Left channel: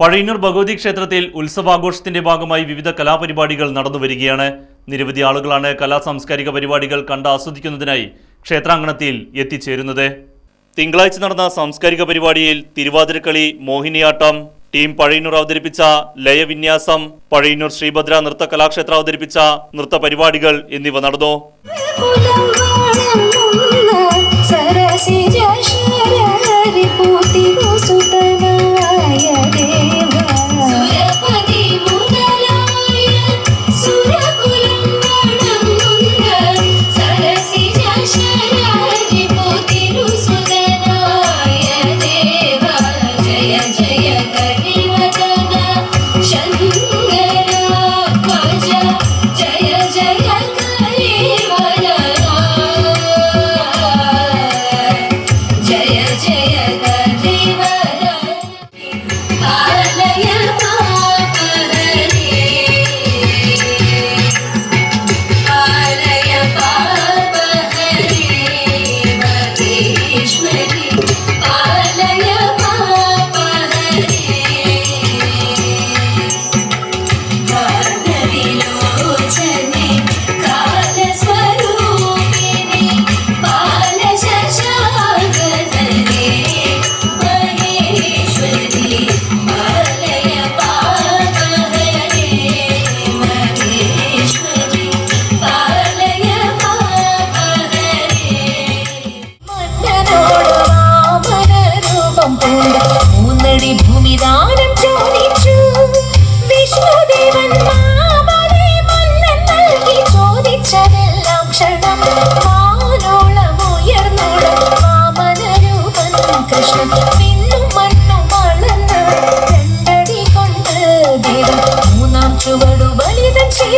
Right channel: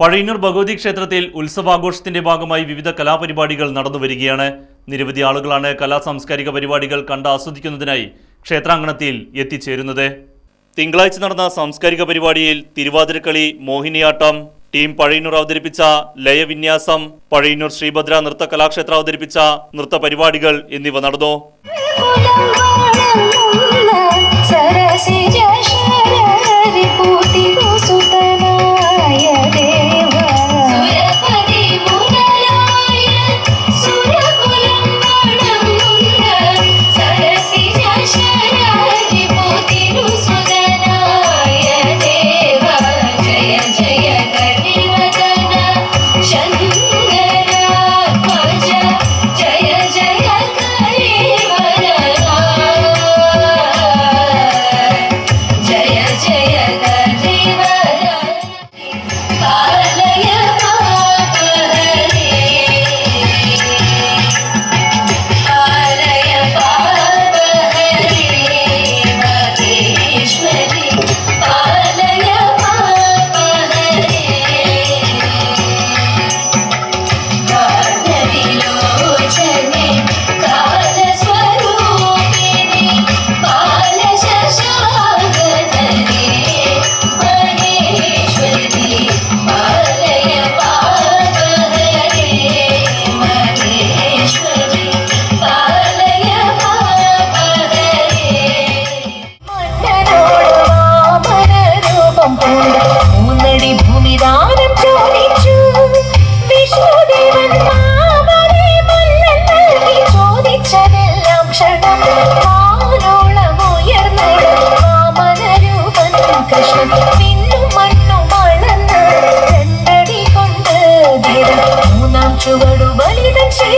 പഴയന്നൂർ ഭഗവതി ക്ഷേത്രത്തിൽ ഉത്സവാഘോഷത്തിന്റെ ഭാഗമായി വിവിധ കലാപരിപാടികൾ നടന്നു വരികയാണ് നിരവധി ആളുകളാണ് കലാ സാംസ്കാരിക പരിപാടികൾ കണ്ട് ആസ്വദിക്കുന്നതിനായി ക്ഷേത്രാങ്കണത്തിൽ എത്തിച്ചേരുന്നത്. തിങ്കളാഴ്ച നടന്ന സാംസ്കാരിക പരിപാടിയിൽ തിരുവാതിരക്കളി മോഹിനിയാട്ടം ടീം പഴയന്നൂർ അവതരിപ്പിച്ച ലയവിന്യാസം പഴയന്നൂർ ശ്രീഭദ്ര നൃത്ത കലാക്ഷേത്രം അവതരിപ്പിച്ച നൃത്ത പരിപാടികൾ എന്നിവ നടന്നു.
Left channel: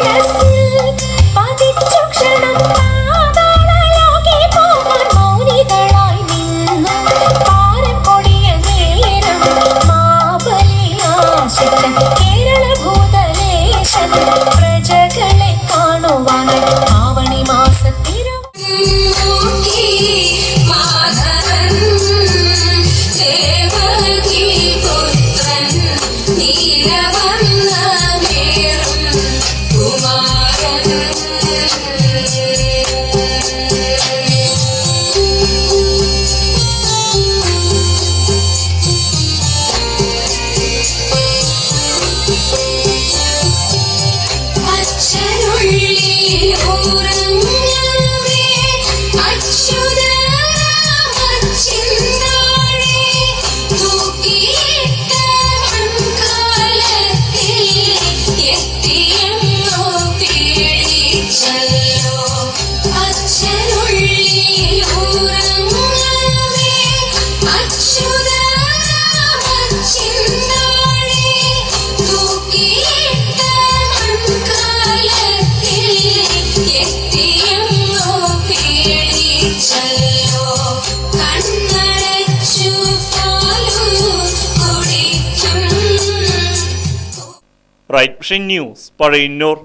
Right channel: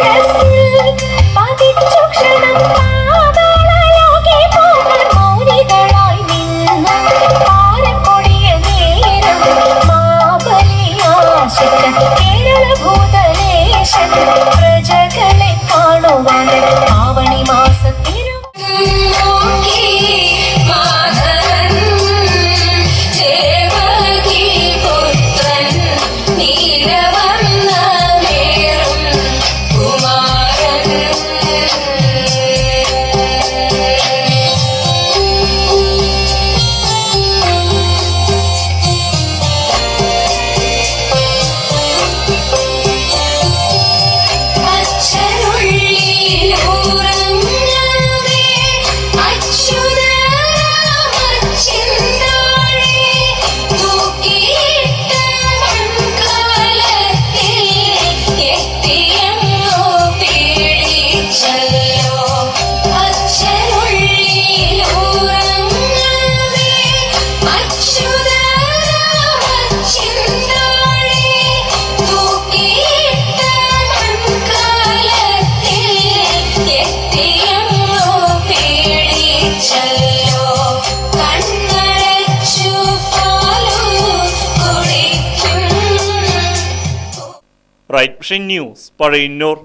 Yes. Right vision news Pazhayannur